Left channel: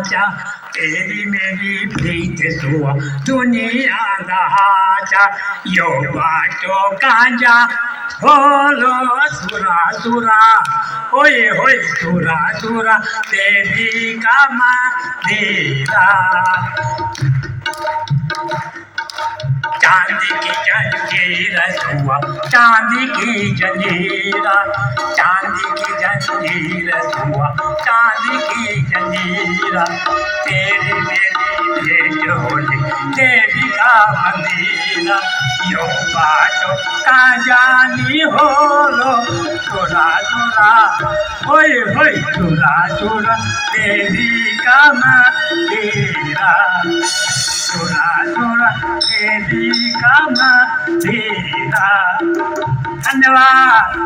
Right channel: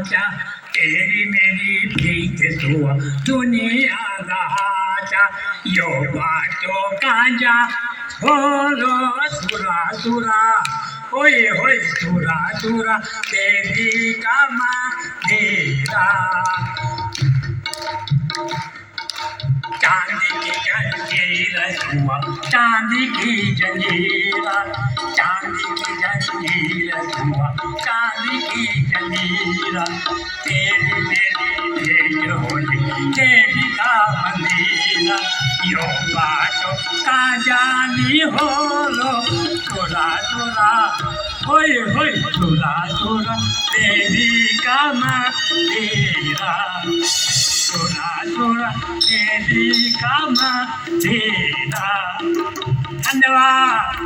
चा तेरी मेरी प्रीत सुआ दुनिया दहाचा यो बाटो कांजा बोलो सुरा सुरा होय होय सुरा सुरा तेरी कामा देरा चांदी की जंजीर सुआ चांदी की जंजीरा चांदी की जंजीर सुआ चांदी की जंजीरा तेरी मेरी भेंट होली तेरी का मंदिरा यो बाटो का जानी होलो सुरा सुरा होय होय सुरा सुरा तेरी का मंदिरा सुरा सुरा तेरी का मंदिरा धन्यवाद